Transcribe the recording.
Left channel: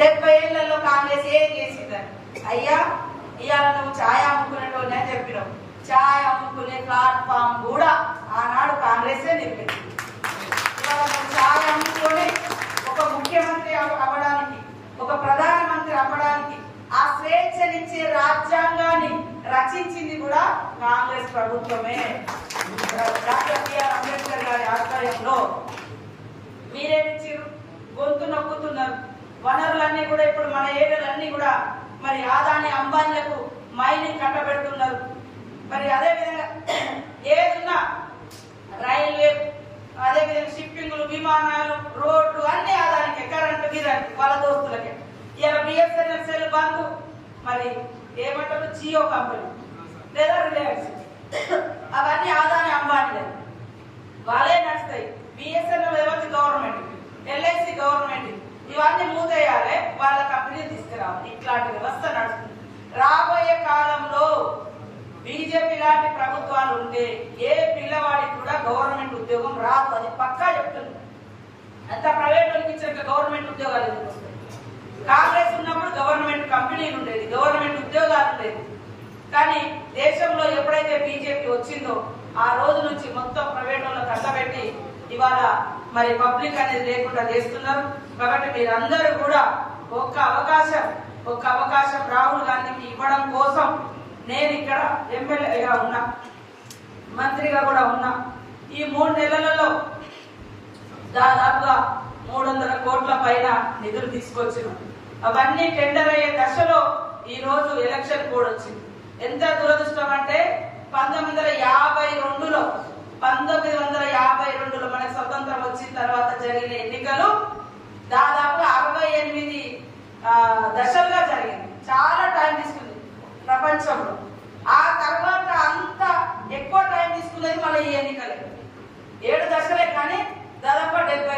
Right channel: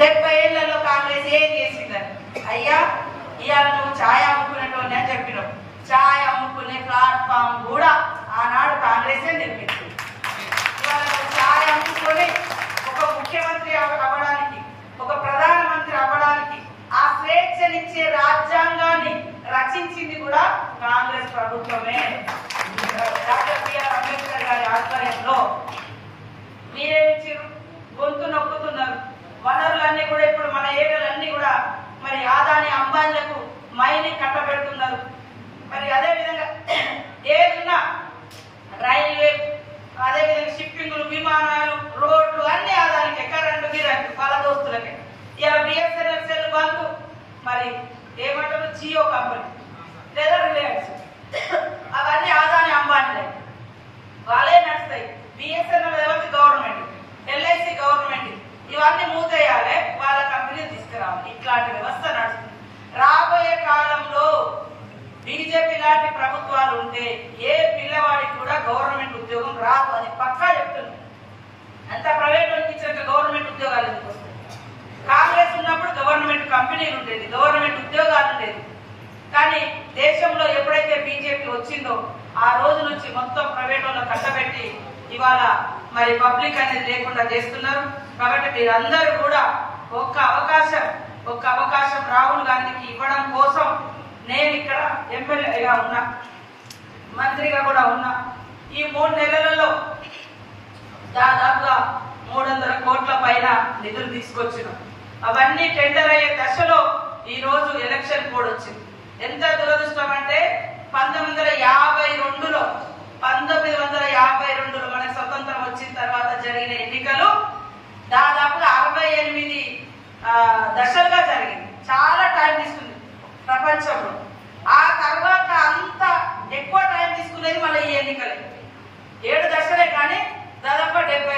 70 ఏళ్లలో కాంగ్రెస్ ఏం చేసిందని. అయ్యా ఇవాళ నువ్వు ఛాయ్ అమ్ముకునేటోని అని చెప్పినావు. ఛాయ్ అమ్ముకునే ప్లాట్ఫామ్ కూడా ఆనాడు కాంగ్రెసే నిర్మించింది. ఇవాళ ఛాయ్ అమ్ముకొని ఒక ముఖ్యమంత్రి అవ్వడానికి, ఒక ప్రధానమంత్రి అవ్వడానికి ఆ స్వేచ్ఛనిచ్చే రాజ్యాంగాన్ని రచించింది కూడా కాంగ్రెస్ ప్రభుత్వమే. డాక్టర్ బిఆర్ అంబేద్కర్ గారి ఆధ్వర్యంలో మీరేమిచ్చారు? గొంతు నొక్కుతున్నారు. వనరులన్నీ కూడా ఇప్పుడు మన ఏరియాలన్నీ కూడా మరి ఆదాని అంబానీలకు మైనింగ్ కట్టబెడుతున్నారు. మరి అదే విధంగా ఏదైనా రైల్వే, అదే విధంగా షిప్పింగ్లు, విమానాలు, రోడ్లు అన్ని ఆదానికే, కరెంటు గిరెంటు వాళ్ళ దోస్తులకే. ఇలా బిఎస్ఎన్ఎల్ సెల్ బంకు, మరి ఏమంటారు జియో కంపెనీ లేదా రిలయన్స్, అవన్నీ ఆదాని అంబానీలే, వాళ్ళే నడుస్తాయి. బిఎస్ఎన్ఎల్ ఎవరికి? గవర్నమెంట్. LIC government. ఇవన్నీ మూతేయాలి, వాళ్ళ కంపెనీలు తీసుకురావాలి. ఇట్లాంటి వ్యవస్థ నడుస్తుంది. రాబోయే కాలంలో బీజేపీ లాంటి ప్రభుత్వాలు ఉంటే ఏ పిల్లవాడికి కూడా గవర్నమెంట్ ఉద్యోగం రాదు. అది పక్కా చెప్తుంది. అంత ప్రైవేట్ ఇచ్చాక గవర్నమెంట్ ఉద్యోగాలు ఎందుకు వస్తాయి? కాంగ్రెస్ ఉన్నప్పుడు గవర్నమెంట్ కంపెనీలు ఉండేది, గవర్నమెంట్ ఉద్యోగాలు ఉండేది. కానీ దేశంలో ఎప్పుడైతే బీజేపీ వచ్చిందో ఆ రోజు నుంచి మొత్తం ప్రైవేట్ వాళ్ళని కట్టబెట్టి ఇవాళ మరి పబ్లిక్ అనేది లేకుండా చేస్తున్నారు. కాబట్టి మీరందరూ కూడా ఒక్క అవకాశం రాహుల్ గాంధీకి ఇవ్వడం కోసం నేను ఇక్కడ ఎమ్మెల్యేగా ఉన్నా, మంత్రిగా కూడా ఉన్నా. ఈ 3 నెలలలో దాదాపుగా 300 కోట్ల పైన నిధులు తీసుకొచ్చిన, అవన్నీ టెండర్ అయ్యే దశలో ఈ రోజు ఎలక్షన్ కోడ్ వచ్చింది. ఎంత దురదృష్టం అంటే 1952లో మనకు స్వతంత్రం వచ్చిన తర్వాత జరిగిన ఎన్నికలు దాదాపు 68 దశలుగా జరిగింది. చాలా టైం తీసుకుంది ప్రపంచంలో. ఆ తర్వాత అంత ఎక్కువ టైం తీసుకునేది మన ఈ ఎన్నికలే. 7 దశలే కానీ దాదాపు 70